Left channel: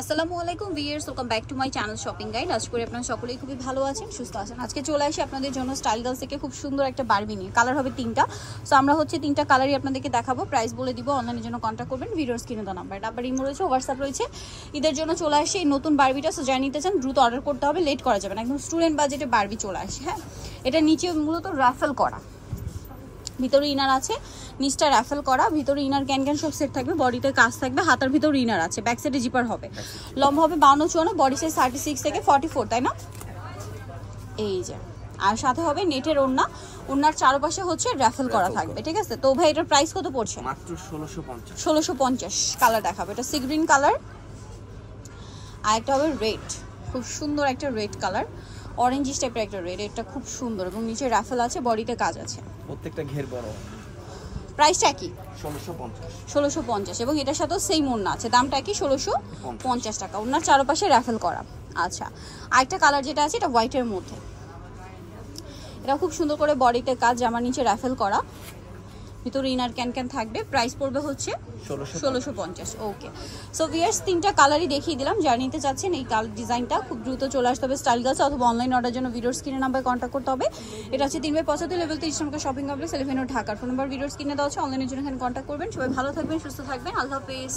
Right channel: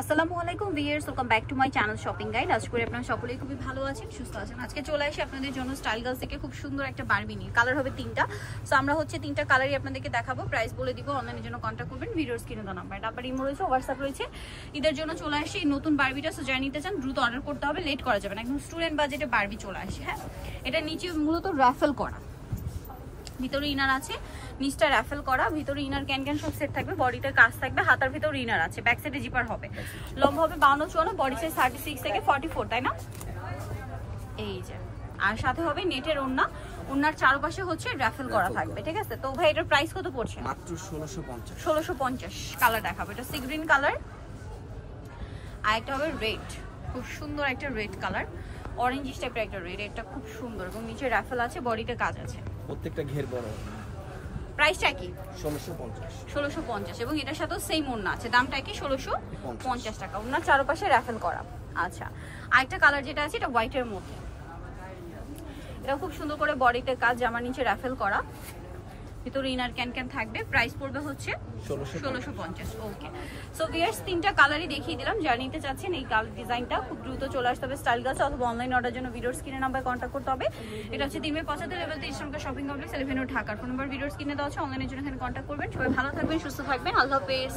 আসসালামু আলাইকুম viewers, welcome back to my channel shopping guide. আজ করে আপনারা সকলেই খুবই ভালো আছেন, সুস্থ আছেন। আজকে চলে আসি আপনাদের জন্য স্টাইল গার্লস থেকে খুব সুন্দর একটা বারবি নিয়ে। কালার হবে তিনটা। সো আমরা হচ্ছে তিনটা কালারই আপনাদেরকে দেখাবো, প্রাইস বলে দিব। অনলাইনের জন্য কন্ট্যাক্ট করবেন, ভিডিওর স্ক্রিনে দেওয়া নাম্বার ইমো রয়েছে, হোয়াটসঅ্যাপ রয়েছে। ঈদের জন্য চলে আসে এই নতুন বারবিটা। সো যারা নিতে চান দ্রুত অর্ডার করতে হবে, লেট করা যাবে না। একদম স্টুডেন্ট বাজেটে বারবি চলে আসে। হ্যাঁ, এটা নিচে মূলত রাফেল করা, ভিতরে ইনার আছে, নিচটা রাফেল করা, ভিতরে ইনার ক্যান সব সেট থাকবে, বডিতে কাজ থাকবে, হাতার ভিতরে ইনার আছে, ব্যাক সাইডে জিপার হবে, লম্বা হবে 52-54, বডি সাইজ 36 থেকে 44, তাই না? এই যে, আর সাথে হবে নেটের ওড়না, ওড়নার চারপাশে হচ্ছে রাফেল করা থাকবে, ঠিক আছে? তো ভাই এটার প্রাইস কত পড়ছে? মাত্র 1650। 1650 কালার দেখাবো। এটা সি গ্রিন কালার, আর একটা হবে রেড, খুব সুন্দর একটা রেড কালার, অরেঞ্জ টাইপের একটা রেড। এটা খুব সুন্দর এবং নিচে রাফেল আছে, বডিতে কাজ আছে, প্রত্যেকটা ঘের বড়। প্রাইসটা কি? 1650 এবং এটার সাথেও সেম ওড়না আছে, দামটা কি? 1650 টাকা। ওড়নার চারপাশে রাফেল করা। আচ্ছা, আরেকটা কালার যেটা আছে এটা হোয়াইটের মধ্যে, এটা খুব সুন্দর করে বডিতে কাজ, জামার নিচে রাফেল করা, ভিতরে ইনার ক্যান থাকবে। প্রাইস পড়বে হচ্ছে 1650। ওকে, সো ভিউয়ার্স তিনটা কালারই দেখিয়ে দিলাম। যারা নিতে চাচ্ছেন এই কালার ডিজাইনটা খুব দ্রুত চলে আসতে হবে স্টাইল গার্লস, অথবা অনলাইন অর্ডার জন্য ভিডিওর স্ক্রিনে নাম্বার কন্ট্যাক্ট করতে হবে। এটা হচ্ছে 3/75 লেভেল 23 নম্বর শপিং কমপ্লেক্স 11 ঢাকার। ফোন নাম্বার ভিডিওর স্ক্রিনে দেওয়া আছে, অনলাইনের জন্য এখানে কন্ট্যাক্ট করবেন। সবাই ভালো থাকবেন, সুস্থ থাকবেন, আল্লাহ হাফেজ।